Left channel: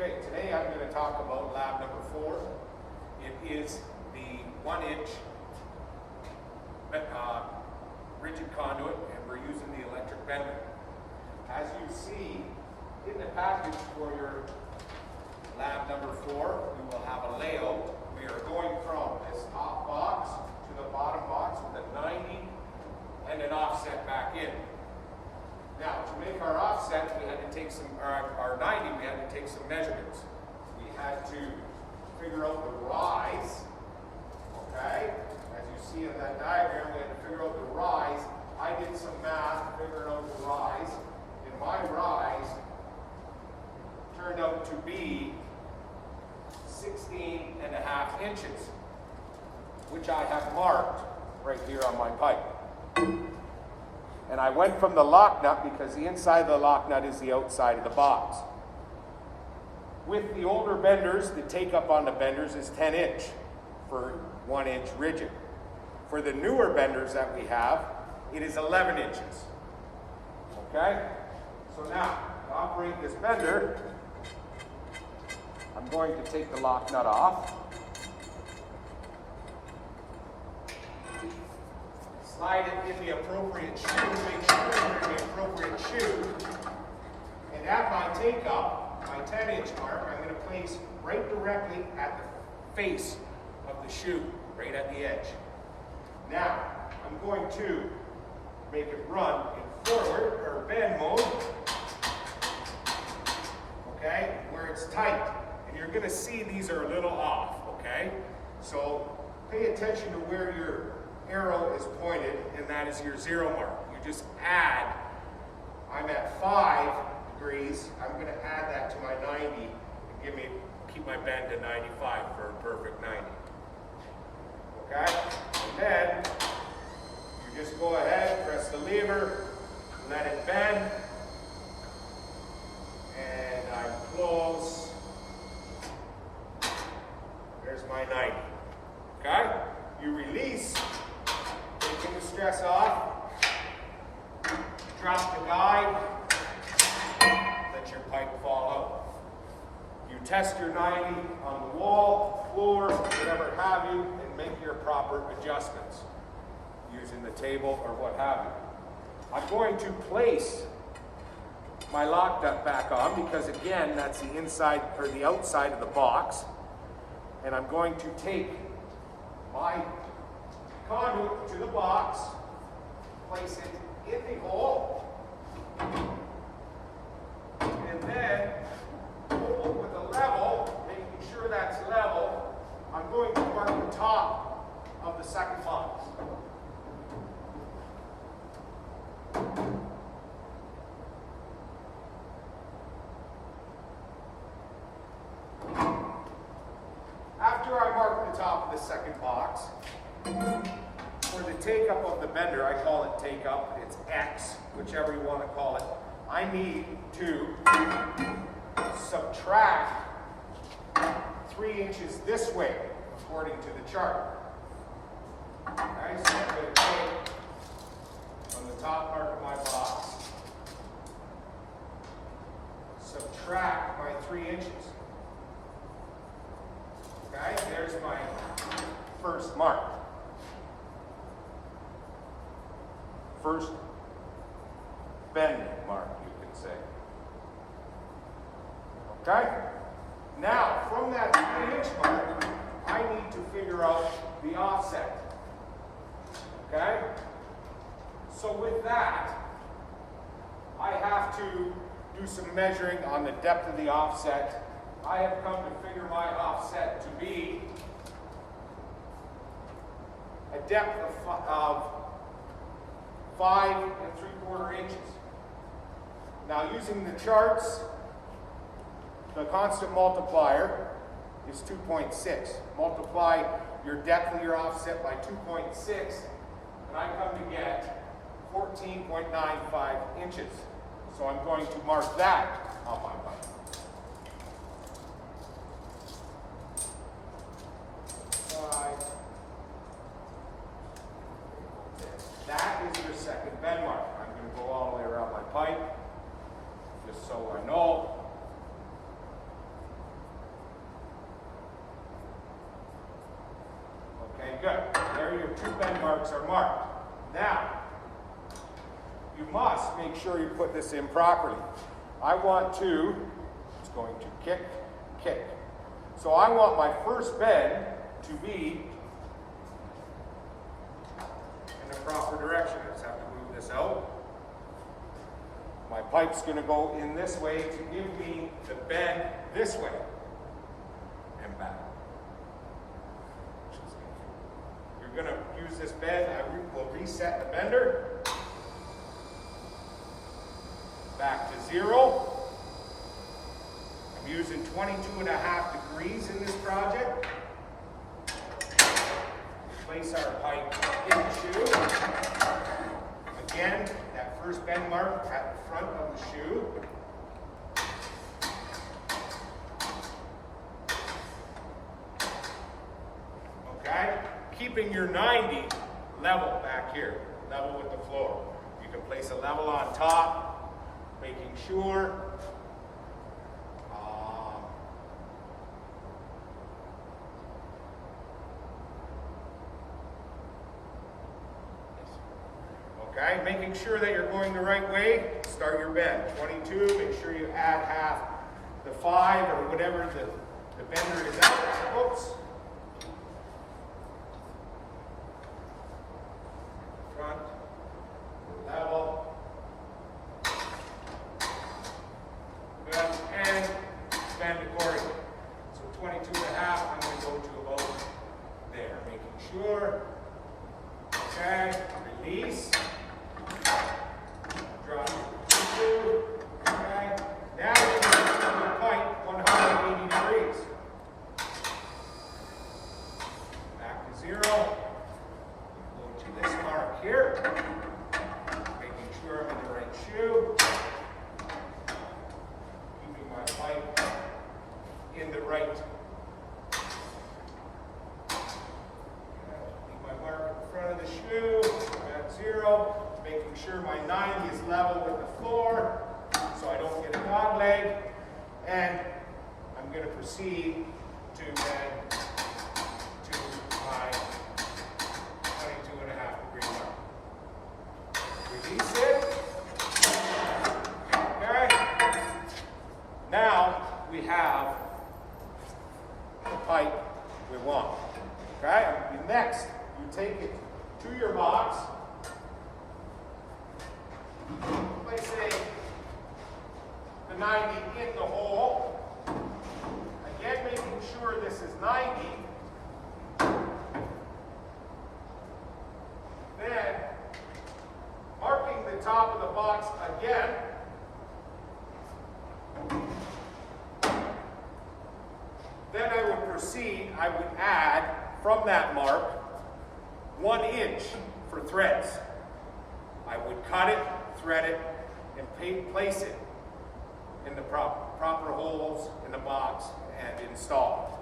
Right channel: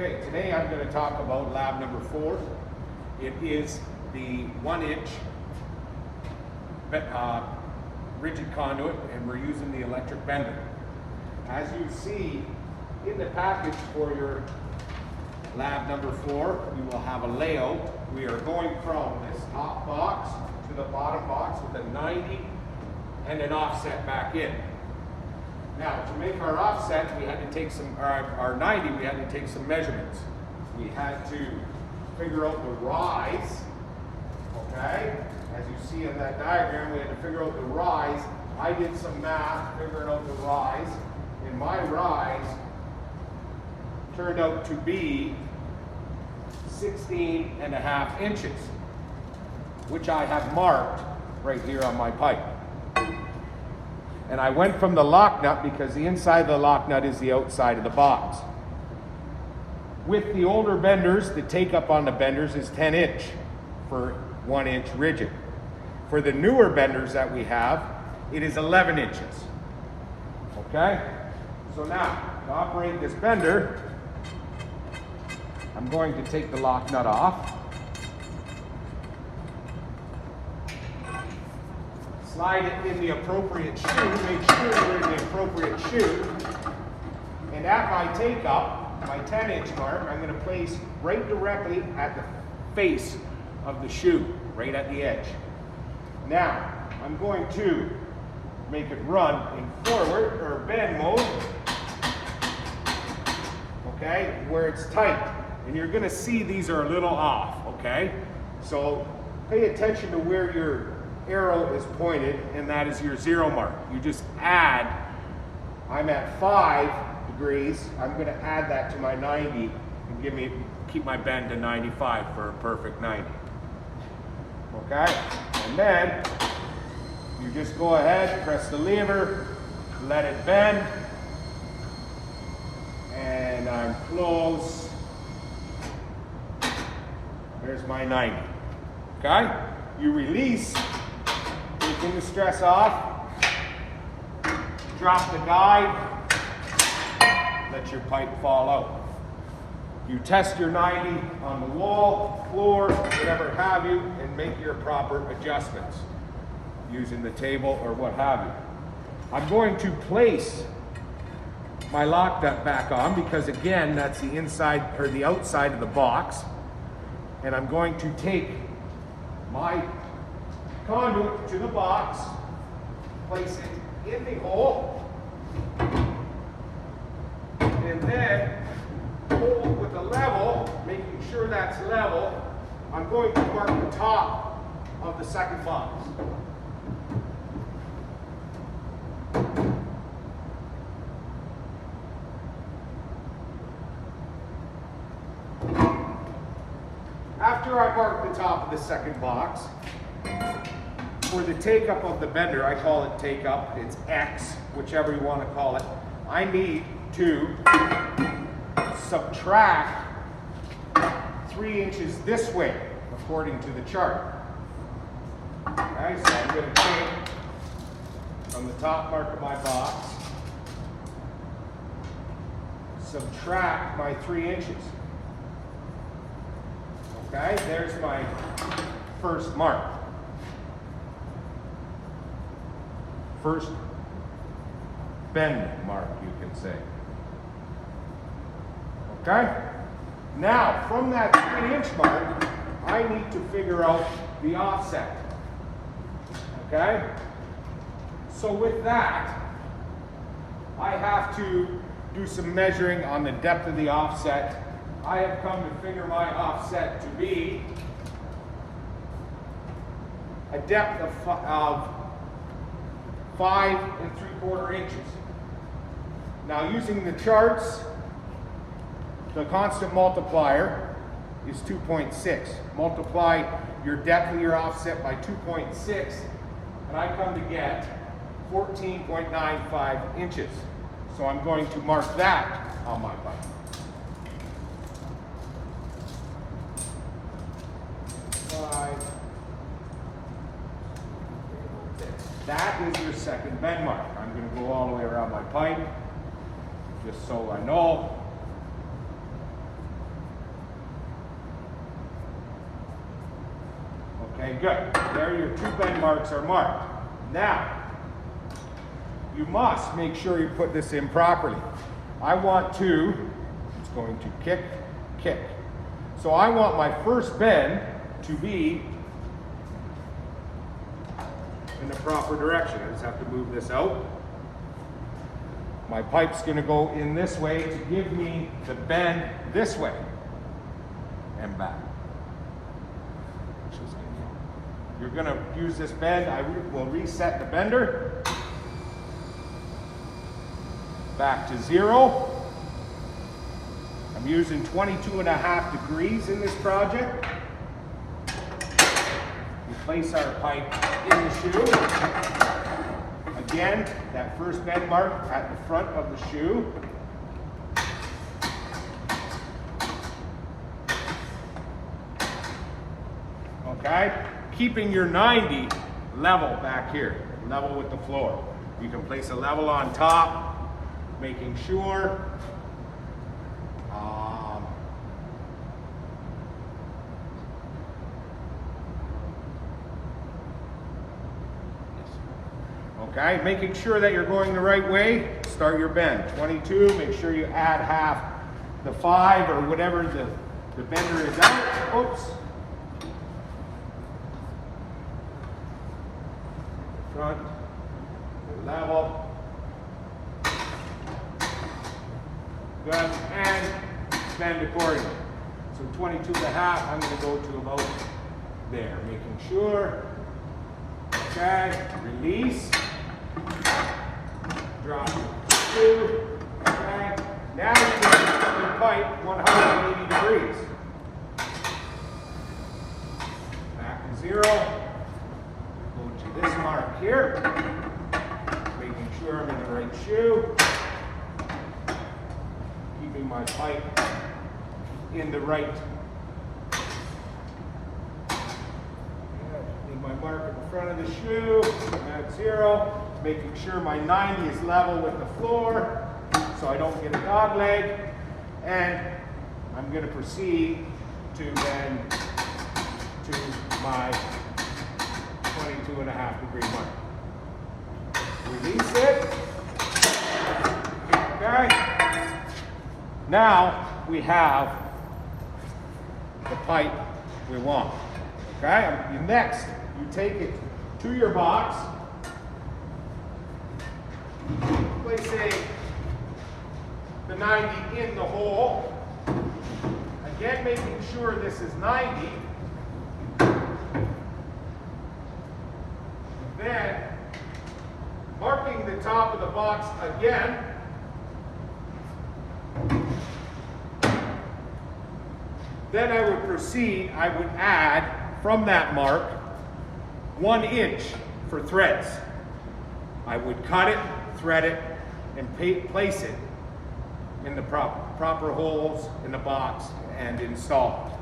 Okay, today I'm going to talk about lab number 4. It is the 1-inch rigid conduit, and we're using the electric bender. As you see in the package for your lab number 4, we will have a layout. We are going from this top box to the bottom box with a 90 and an offset back in. Now, to make our offset, we had to take our 90, we had to take some measurements. We had to figure out the rise, okay? As you see in that diagram, we had to figure out the rise. I did some math, figuring out the rise, and my rise turned out to be 16.5 inches, which I have marked right here on my pipe. And I went from the lock nut because the inside of the lock nut is the outside of the box. With the older benders, the take up on the benders is 10 inch for 1 inch rigid. For the newer benders that we have, it is 11 inches. Okay? So now, to operate this bender, I'm going to take the lock nut off. Slide it in the appropriate shoe, make sure we're in the appropriate shoe. And at my take up, my 10-inch mark, I'm going to place right directly at the face of the shoe, right at the edge. Now, I'm going to make it run in forward or bend mode, okay, where it's tight. And you're going to see these are a little off, okay? So pay attention to where your arrow is pointed, and that is your 0 mark. You just add, I'm at 5 degrees, I'm going to add that to my 90 and keep my bend to 95 for a perfect 90. Okay? And then you just go ahead, press the lever, let it bend, and I'm close. There's my 90. Okay? You release, taking the stress off, drop the guide, let your pipe fall out. You test your 90 on the wall, floor, whatever have you, and make your proper adjustments using the table or what have you. I'm going to place my lock nut back on because again, that's the inside or the outside of the box. And I'm going to take my conduit to the box, place it in the hole, and then hold with a level, making sure that's level. I'm going to mark the top of the second box. After I mark the top of the second box, for the take up of the bender, I call it take up, it's X, whichever you want to call it, I need to subtract 3 inches this way, according to the chart. Okay, so I'm going to take from the top mark of my box, subtract my 3 inches. Okay, there's my first mark. First bend mark, you can say. Okay? Now, from that 3-inch mark, I need to figure out the offset. Okay? So with that, I have to do some measuring on the depth of the offset. I have come to figure my offset to be a depth of 5 3/4 inches. Now using the charts, the constant multiplier is 2.6. Multiply your depth of your offset by 2.6, and I come to get 14.95 inches. So I'm going to mark that on my pipe. That is your second bend mark. I'm going to go all the way around my pipe, just so I know. good. There your 2 bend marks are marked. Now, you must make sure you put this in properly. I want to, it's going to kick, kick. So I want my first bend to be in the proper direction. I just have to move this out. My pipe's going to go in this way to give me the bend this way and back. You're going to use this bend. I will reset the bender back to 0. I'm using 22.5 degrees in this project. We place our pipe in the shoe. Again, that first bend mark at the front of the shoe. Okay? Keeping your 90 level back here, level with the floor. You can place a level on top, making sure okay, making sure that you're going the right way. Start your bend. 22, make sure you add half the 5 or whatever the bender is at. Oops. Front, level. Good, and bend accordingly. So 22.5, I'm going to go to about there, making sure. Okay, release. Drop 2. Okay, now I'm going to put the pipe 180 degrees. Back to 0. Go to this mark here. Making sure I'm in the right shoe. Keeping my pipe in the right. Leave my mark at the front of the shoe. At 0. Making sure my 90 is level with the floor so I don't get a dog leg. And I'm going to proceed to bend to my 22.5 degree mark. Release it. Okay. Now we have the pipe we want. Okay. Next, you take it to your box. Placing the 90 in the hole. Again, making sure this is 90. Then, marking the top of the box again. Then I would proceed, I would add from that mark 1 inch for threads. I would cut it, thread it, and place it in the proper holes in the box and install it.